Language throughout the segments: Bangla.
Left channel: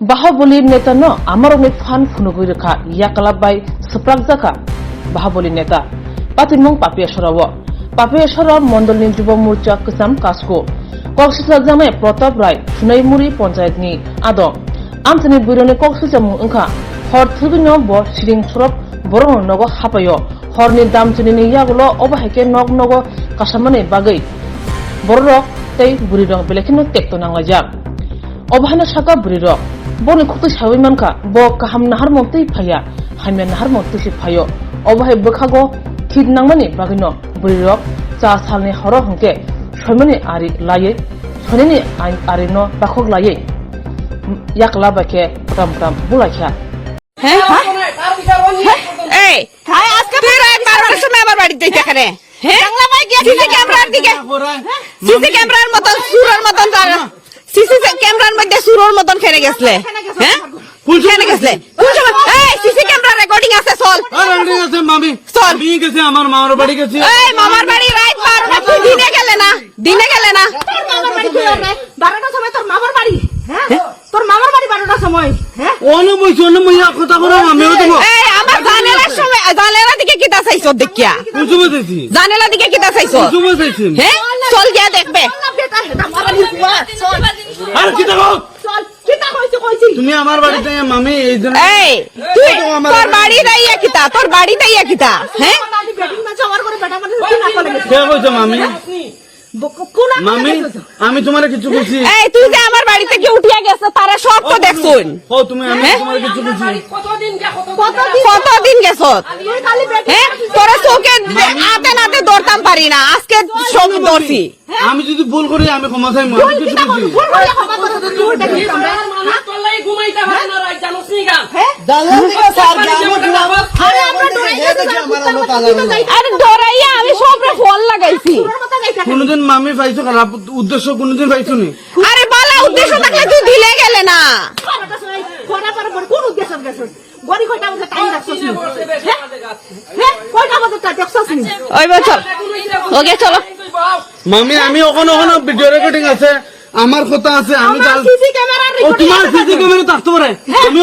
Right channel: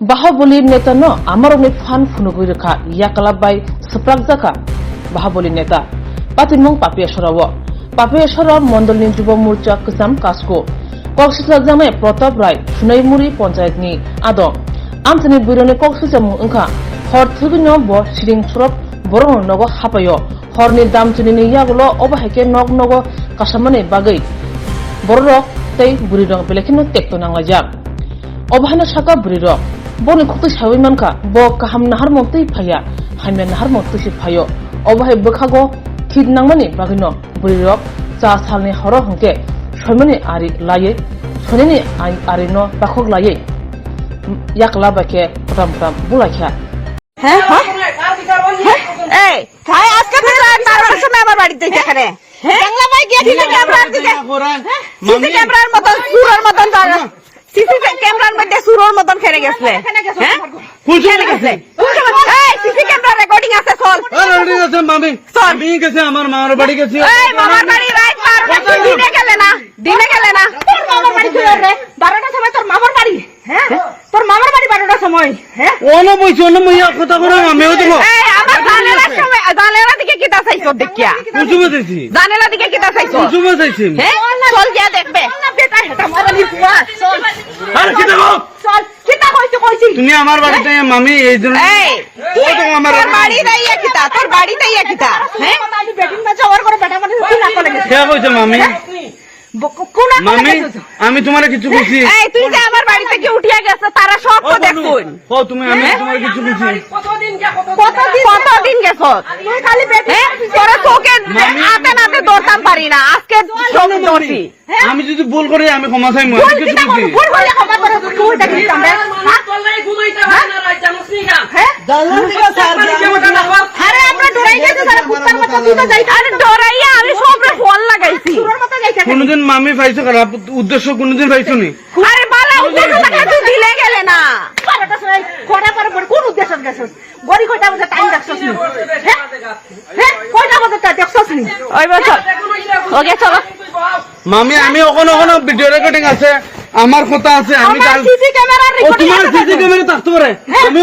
Bahabuli neta no amaroni fan funugurika yakalabai sepragzaka Bahabuli neta Patimong Papiasharawo Papiashara Mondolni Juba Murcha Kusam Kasko Koksisajame Protap Rai Sunaimuri Ponchayatni Ado Antony Burone Koksujamu Unka Hor Tugino Bo Shiring Surop Boron Nogo Hapayo Horni Damchuni Yagulo Obaheke Nog Nogo Kasamane Bagai Borok Tay Burirong Belekino Tektonangajak Obahana Shaka Burirok Boni Kutu Shawimanka Bo Kaham Nahar Monti Paya Hamen Nahar Montushi Payo Obahe Bukago Kid Nangmani Bagino Burirok Cha Salni Horo Honke Shomani Ari Laye Sonini Arino Bakog Laye Yakla Bake Putam Putam Bulakya এই খায় আজকে তুই রাত 12টার সময় আমার বাড়িতে এখানে হ্যাঁ বাংলা ভাই গিয়ে সিসি ক্যামেরার দিকে সিসি ক্যামেরার মতন সুরের মতন যাও সিসি ক্যামেরার মধ্যে সুরের মতন খেলে গেছলে হ্যাঁ খেলে গেছলে এই সিসি ক্যামেরা রেকর্ডিং আছে চল রেকর্ডিং আছে মামি আমি গেছে আমার মামার বাড়ি গেছি এই মামার বাড়ি রাত 12টা তুই দিনে গেলে না তোর মামার বাড়ি কই রে 12টার সময় তোর মামার বাড়ি হ্যাঁ তোর মামার বাড়ি 12টার সময় হ্যাঁ ওনো বইছো না মইয়া কথা করে আমিও দেব এই আমার জানেলার সময় জানেলা দিকে কিটা চাইছো দেখিয়া কুচুমে চাইছি জানেলা দিকে কিটা চাইছো কুচুমে চাইছি হ্যাঁ চল গিয়া দেখবে বেটা হেটা মারানি কুয়া চল আর কি দেখো চল কিটা কইছি তুমি আমার বাড়িতে মামি এই জন্য এই তুই তোর বাড়ি দাইয়া কিটা তোর বাড়ি দাইয়া কিটা হ্যাঁ আমি বেটিং না যাওয়ার করে বেটা মানে তুই না করে গেছিস কে কইছো মামি কোনা মামি আমি তোমারে কিছু বলছি এই তুই যে আমার বাড়ি থেকে উঠিয়া গেছ তারা সব তো দেখছুন ও তুমি আমি তোমারে কিছু বলছি কতদিন গেছ তুই খালি বেটিং হ্যাঁ তোরে চোখে হাতে নাতে ধরতাম পারি না আজকে সব ধরছি আমি যদি ভুল করি আমি ক্ষমা চাই মই কিছু বলছি ভুল হইয়া ক্ষমা করে তুই দেখি আমরা আরে আমরা ডরাই গেছি যারা কুত্তার মতো তুই তো যাইতা আরে ডরাইয়া আমি সবরে ফোন লাগাইছি তোর মতো যাইতা কোনদিন মামি পাইছো কেন উদ্দেশ্য কোনদিন পাইছো নি আরে বলা উদ্দেশ্য থাকলে তুই দিলে গেলে না 12টার সময় খড়া পরে কোন উদ্দেশ্য গেছস গড়ি কয়টা বাজে টাইম রাখছস নি হ্যাঁ কয়টা বাজে টাইম দেখছস নি ওই বছর ওকে চলো মামি আমি ওখানে ভিডিও রেকর্ডিং আছে আমার কথা আছে আমি কাল সিসি ক্যামেরা ও তোমার সিসি ক্যামেরা থাকতে পারে আমি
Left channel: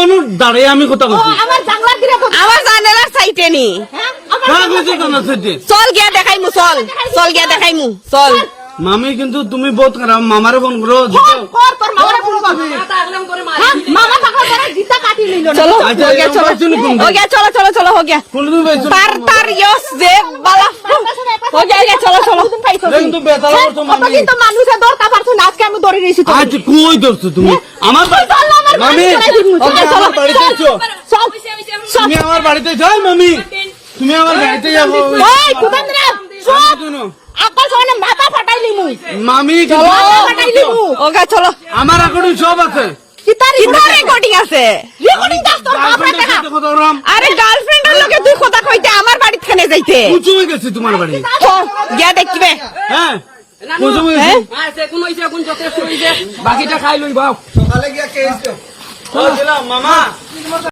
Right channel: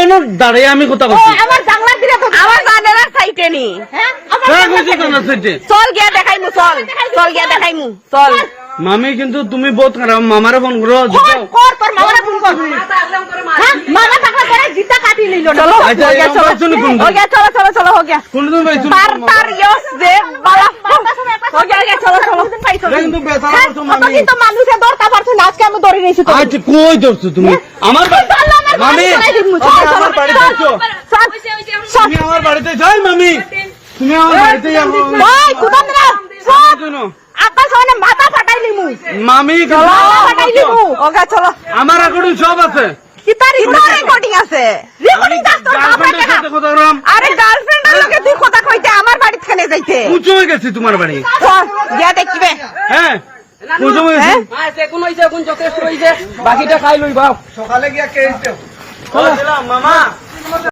ওনো দাঁড়িয়ে আমি কথা বলছি আমার জানলার দিকে তো আমার জানেলার সাইটে নি হ্যাঁ হ্যাঁ কইছো জানা সেটি চল গিয়া দেখাইমু চল গিয়া দেখাইমু চল মামি কিন্তু তুমি বহুত খারাপ মামারে ফোন করো জিতাও কর তোর মামারে ফোন কর হ্যাঁ মামা টাকা করে জিতা কাটি নিল না চলো আচ্ছা, हो गया এই चलो বলছো না কোনদিন? हो गया चलो हो गया কোনদিন পাইছো तार यस जे बाला हो गया চলো কিন্তু বেতালা করছো মামি কিন্তু মানুষে দরকার পারছি না আজকে আমি ধরে নিয়েছি তো আচ্ছা কই ধরছো তুমি আমার মামি আমার বাড়িতে আছো তুমি আমার বাড়িতে যাই মামি তুমি আমার বাড়িতে যাও এই কুদাম না সব শোনো আব্বা সোনা মাথা ফাটাইলি মুই মামি ফাটাইলি মু हो गया चलो আমার এখন সব আছে কিতারি কিতা রেকর্ডিং আছে রেকর্ডিং দাস তোর গার্লফ্রেন্ডের সাথে কথা বললাম আরে গার্লফ্রেন্ডের লগে তুই কথা কইতে আমার বাড়িতে খানে যাইতে কুচু হয়ে গেছি তোমার বাড়ি চল গিয়া দেখবে হ্যাঁ কুচু হয়ে গেছি বাকিটা খাই লই বাপ মামা